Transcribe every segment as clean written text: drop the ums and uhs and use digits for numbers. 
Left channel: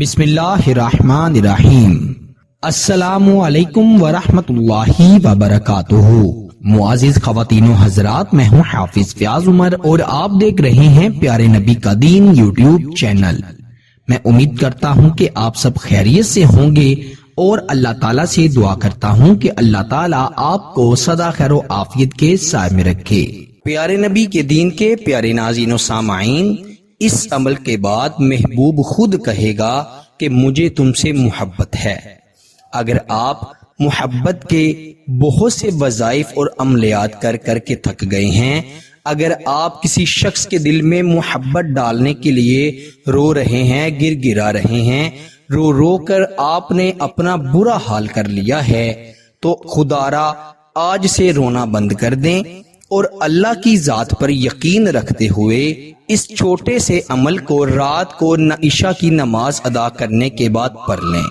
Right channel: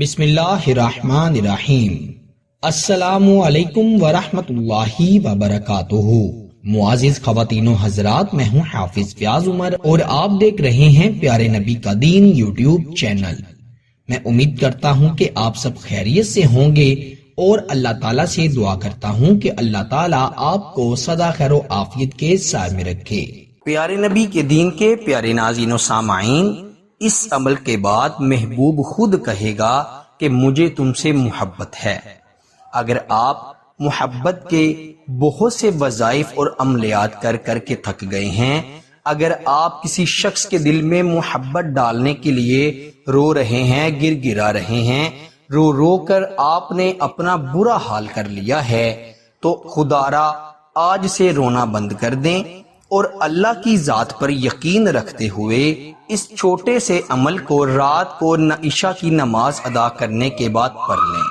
بسم اللہ الرحمن الرحیم۔ السلام علیکم ورحمۃ اللہ وبرکاتہ۔ معزز خواتین و حضرات، میں ہوں حافظ فیاض عمر اور آپ دیکھ رہے ہیں پیارے نبی کا دین یوٹیوب چینل۔ میں امید کرتا ہوں کہ آپ سب خیریت سے ہوں گے اور اللہ تعالیٰ سے دعا کرتا ہوں کہ اللہ تعالیٰ آپ کو سدا خیر و عافیت کے سائے میں رکھے۔ پیارے نبی کے دین کے پیارے ناظرین و سامعین، اس عمل کے بعد محبوب خود کہے گا کہ مجھے تم سے محبت ہے۔ اگر آپ محبت کے بہت سے وظائف اور عملیات کر کے تھک گئے ہیں، اگر آپ کسی شخص کے دل میں محبت ڈالنے کے لیے رو رہے ہیں، گر گرا رہے ہیں، رو رو کر آپ نے اپنا برا حال کر لیا ہے، تو خدارا آج سے رونا بند کر دیں اور اللہ کی ذات پر یقین رکھتے ہوئے اس چھوٹے سے عمل کو رات کو عشاء کی نماز ادا کرنے کے بعد پڑھ لیں۔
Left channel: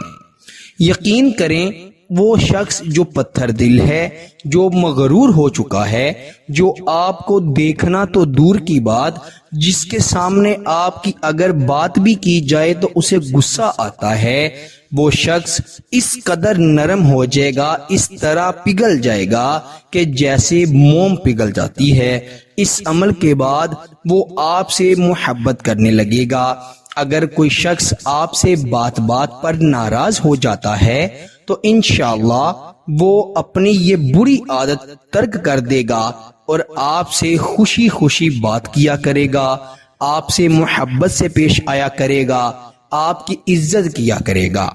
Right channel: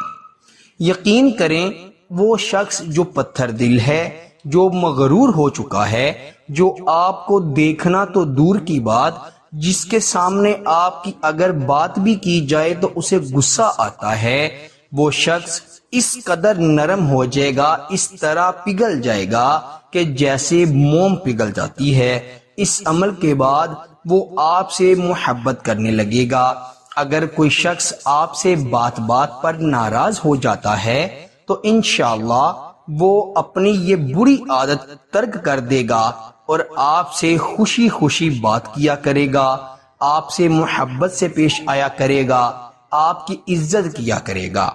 یقین کریں وہ شخص جو پتھر دل ہے، جو مغرور ہو چکا ہے، جو آپ کو دیکھنا تو دور کی بات، جس کے سامنے آپ کی اگر بات بھی کی جائے تو اسے غصہ آتا ہے، وہ شخص اس قدر نرم ہو جائے گا، اس طرح پگھل جائے گا کہ جیسے موم پگھل جاتی ہے۔ اس عمل کے بعد وہ آپ سے محبت کرنے لگے گا۔ اگر کوئی شخص آپ سے بات بات پر ناراض ہو جاتا ہے تو انشاءاللہ وہ اپنی یہ بری عادت ترک کر دے گا اور آپ سے خوشی خوشی بات کیا کرے گا، آپ سے محبت سے پیش آیا کرے گا، آپ کی عزت کیا کرے گا۔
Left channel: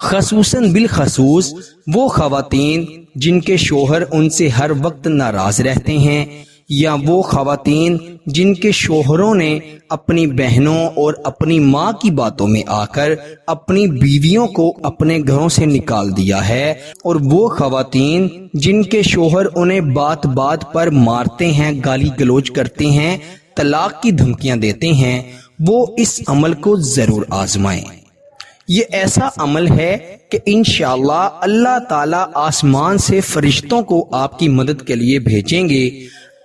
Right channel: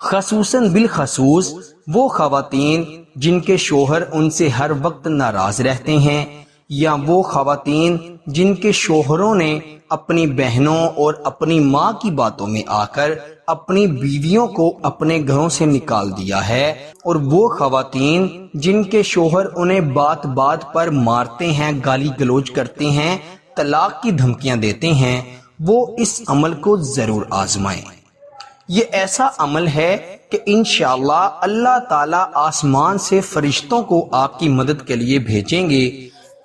خصوصاً بالخصوص وہ خواتین جن کے شوہر ان سے ہر وقت ناراض رہتے ہیں، یا وہ خواتین جن کے شوہروں نے اپنی بہنوں اور اپنی ماں کی باتوں میں آ کر اپنی بیویوں کو اپنے گھروں سے نکال دیا ہے، اور وہ خواتین جن کے شوہر انہیں بات بات پر مارتے ہیں، گالی گلوچ کرتے ہیں، طلاق کی دھمکیاں دیتے ہیں، وہ اس عمل کو ضرور آزمائیں۔ یہ ایسا عمل ہے کہ انشاءاللہ اللہ تعالیٰ آسمان سے فرشتوں کو آپ کی مدد کے لیے بھیجیں گے۔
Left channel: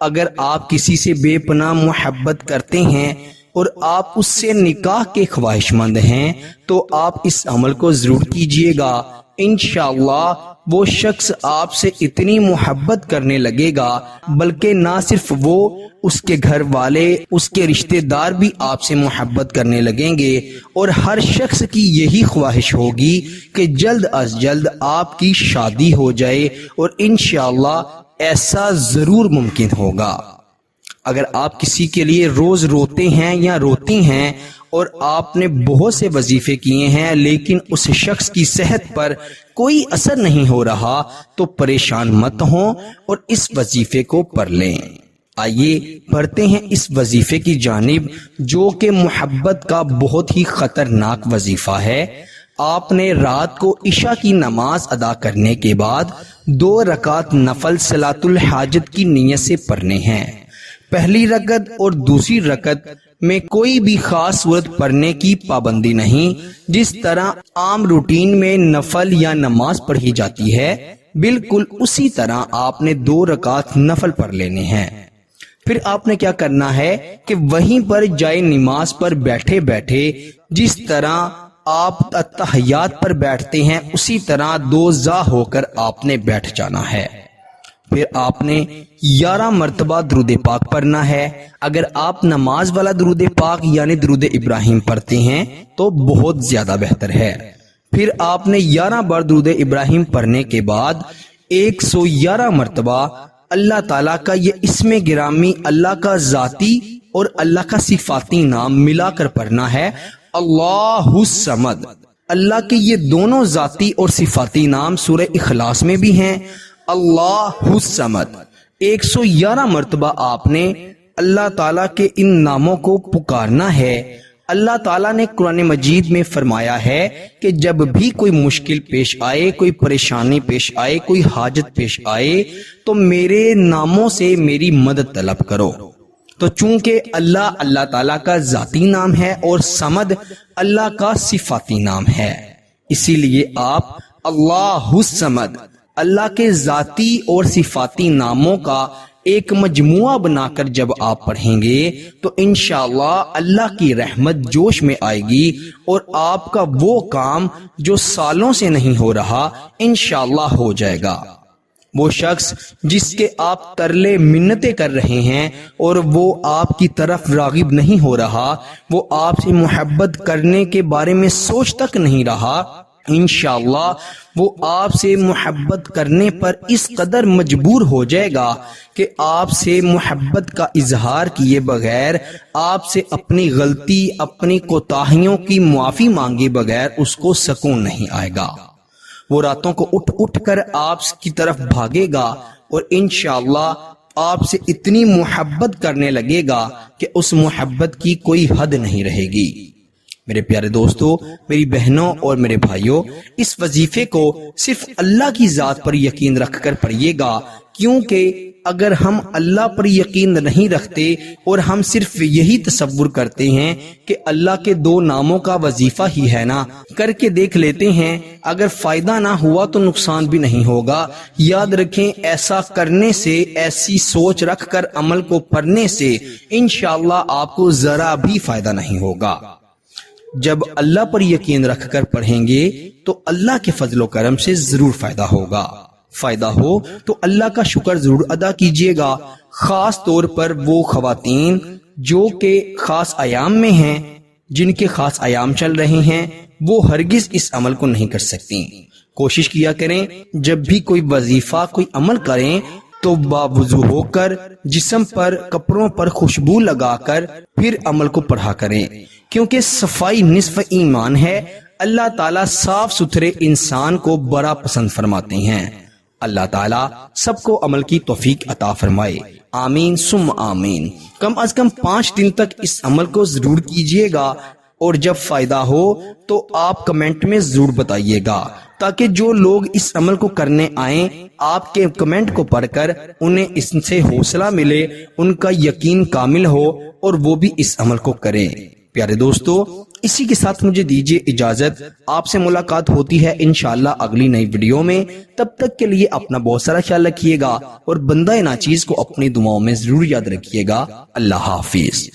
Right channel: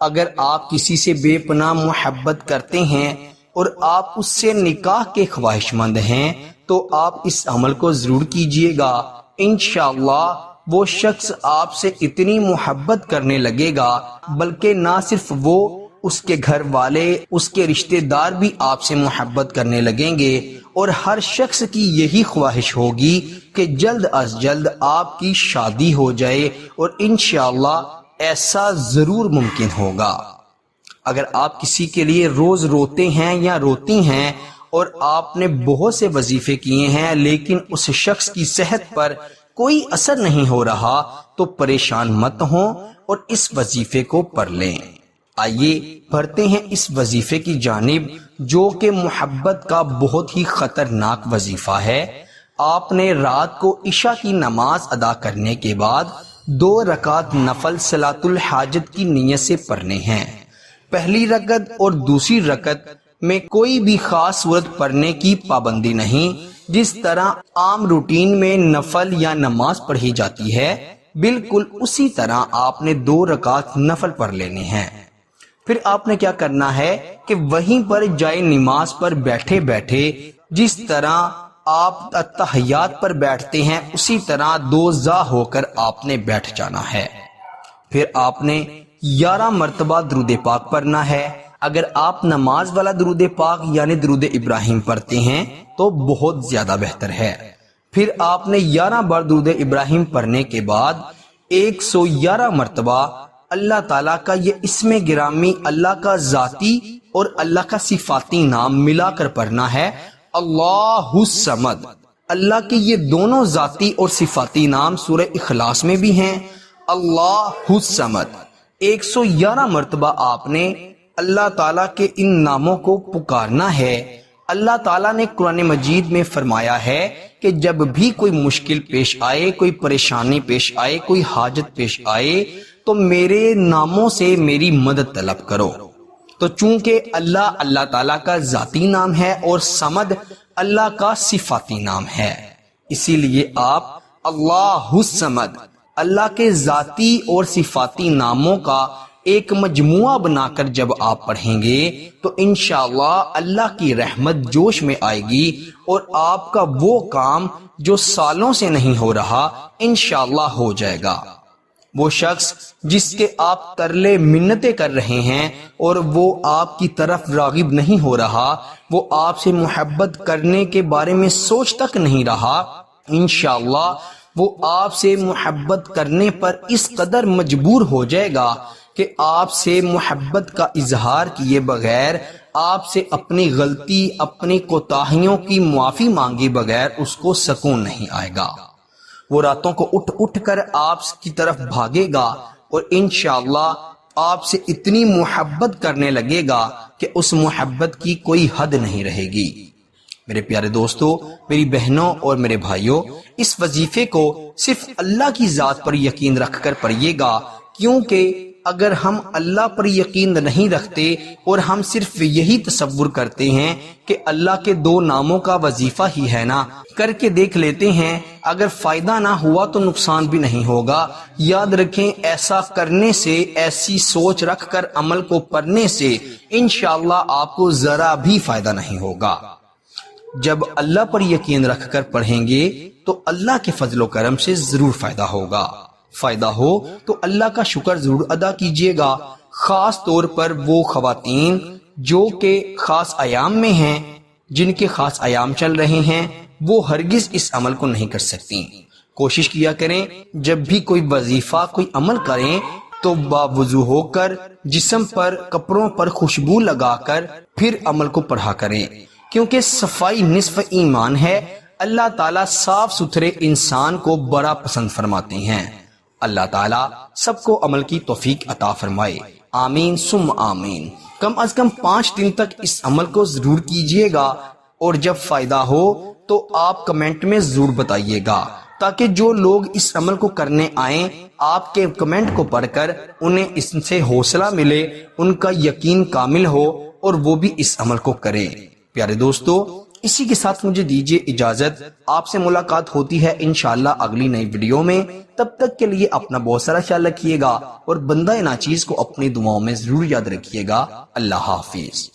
اگر آپ کسی سے بے پناہ محبت کرتے ہیں اور آپ اس سے نکاح کے خواہش مند ہیں تو آپ اس عمل کو ضرور کیجئے گا۔ انشاءاللہ وہ شخص آپ سے اتنی محبت کرنے لگے گا، بلکہ نہ صرف وہ، اس کے گھر والے، اس کے رشتہ دار بھی آپ سے محبت کرنے لگیں گے، اور ہر شخص کی یہی خواہش ہوگی کہ جلد از جلد آپ کی شادی ہو جائے، اور انشاءاللہ ایسا ضرور ممکن ہوگا۔ اگر آپ کسی کے لیے روز روتے ہیں یا روتی ہیں اور آپ نے بہت سے وظیفے کیے ہیں لیکن اس شخص کی صحت پر کوئی اثر نہیں ہو رہا تو پریشان مت ہوں اور اس وظیفے کو پڑھ لیں۔ آئیے پڑھتے ہیں اس وظیفے کی جانب، جو کہ محبت کا بہت ہی خطرناک وظیفہ ہے۔ آپ نے رات کو عشاء کی نماز ادا کرنے کے بعد 2 رکعت نفل صلاۃ الحاجت کی نیت سے پڑھنے ہیں۔ پہلی رکعت اور دوسری رکعت میں کوئی بھی خاص صورت پڑھنے کی پابندی نہیں، جس طرح عام روٹین میں نفل یا نماز پڑھی جاتی ہے، بالکل اسی طرح آپ نے 2 رکعت نفل پڑھ لینے ہیں۔ پھر آپ نے کیا کرنا ہے کہ وہیں پر جائے نماز پر بیٹھے بیٹھے جس طرح آپ اتحیات پر بیٹھتے ہیں اسی طرح 2 زا ہو کر آپ نے بیٹھ جانا ہے۔ پھر آپ نے 11 مرتبہ درود پاک پڑھنا ہے۔ اگر آپ نماز والا درود پاک یعنی درود ابراہیم پڑھتے ہیں تو بہت زیادہ بہتر ہے۔ پھر آپ نے 11 بار درود ابراہیم پڑھنے کے بعد 111 مرتبہ اللہ تعالیٰ کا یہ اسم گرامی، اللہ کا ذاتی اور اللہ کا صفاتی نام ملا کر پڑھنا ہے، اللہ الصمد۔ اللہ کے یہ دونوں ذاتی اور صفاتی نام سورہ اخلاص میں بھی ہیں، اللہ الصمد۔ 111 مرتبہ آپ نے اللہ تعالیٰ کے ان ناموں کو پکارنا ہے۔ اللہ تعالیٰ نے قرآن مجید میں فرمایا ہے کہ جب بھی کوئی مشکل پیش آئے، کوئی پریشانی پیش آئے، کوئی حاجت پیش آئے تو میرے ناموں سے میری مدد طلب کرو۔ تو چونکہ اللہ تعالیٰ کا ذاتی نام ہے اور صمد اللہ کا صفاتی نام ہے، اسی لیے آپ اللہ الصمد، اللہ کے ذاتی اور صفاتی ناموں کا ایک مجموعہ بنا کر جب آپ پڑھیں گے تو انشاءاللہ اللہ کی رحمت جوش میں آئے گی اور آپ کا وہ کام جو سالوں سے نہیں ہو رہا انشاءاللہ ہو جائے گا۔ وہ شخص جس کے آپ ترلے منتیں کر رہے ہیں اور وہ آپ کی طرف راغب نہیں ہو رہا، وہ آپ سے محبت کرنے کے بارے میں سوچ تک نہیں رہا، انشاءاللہ وہ آپ سے محبت کرنے پر اس قدر مجبور ہو جائے گا کہ آپ سے محبت کا اظہار کیے بغیر، آپ سے اپنی غلطی، اپنی کوتاہیوں کی معافی مانگے بغیر اس کو سکون نہیں آئے گا۔ وہ راتوں کو اٹھ کر آپ کی طرف بھاگے گا اور انشاءاللہ آپ سے اتنی محبت کرنے لگے گا کہ اس محبت کی کوئی حد نہیں رہے گی۔ میرے پیارے دوستو، میری بہنوں اور میرے بھائیوں، اس وظیفے کو صرف اللہ کی ذات پر یقین رکھ کر پڑھیے گا، کیونکہ اگر ہم اللہ پر یقین نہیں رکھتے اور ہم صرف یہی تصور کرتے ہیں کہ اللہ کے 2 ناموں کا وظیفہ ہی ہے نا، کر کے دیکھ لیتے ہیں، اگر فائدہ نہ ہوا تو نقصان بھی نہیں ہوگا، یاد رکھیں ایسا کرنے سے، ایسی سوچ رکھ کر عمل کو پڑھنے سے انشاءاللہ آپ کو ذرا بھی فائدہ نہیں ہوگا۔ جب اللہ پر یقین رکھ کر پڑھیں گے تو اللہ کے فضل و کرم سے ضرور فائدہ ہوگا۔ فائدہ ہو تو اللہ کا شکر ضرور ادا کیجیے گا، خاص طور پر وہ خواتین جو کہ خاص ایام میں ہیں، جن کے خاص ایام چل رہے ہیں، وہ ہرگز اس عمل کو نہیں کر سکتی۔ کوشش کیا کریں جب بھی کوئی وظیفہ، کوئی عمل کریں تو باوضو ہو کر، جسم پر، کپڑوں پر خوشبو لگا کر پھر عمل کو پڑھا کریں، کیونکہ صفائی نصف ایمان ہے۔ اللہ تعالیٰ صاف ستھرے انسان کو بڑا پسند فرماتے ہیں۔ اللہ تعالیٰ سب کو عمل کی توفیق عطا فرمائے، آمین ثم آمین۔ کم از کم 5 دن تک اس عمل کو ضرور کیجیے گا، اور جب فائدہ ہو تو آپ کمنٹ میں ضرور بتائیے گا، تاکہ جو لوگ اس عمل کو کرنے آئیں آپ کے کمنٹ کو پڑھ کر انہیں اس سے حوصلہ ملے، ان کا یقین کامل ہو اور وہ بھی اس عمل کو کریں۔ پیارے دوستو، اسی کے ساتھ مجھے دیجیے اجازت، آپ سے ملاقات ہوتی ہے انشاءاللہ اگلی نئی ویڈیو میں۔ تب تک کے لیے اپنا بہت سارا خیال رکھیے گا اور بندہ ناچیز کو اپنی دعاؤں میں ضرور یاد رکھیے گا۔ اللہ حافظ۔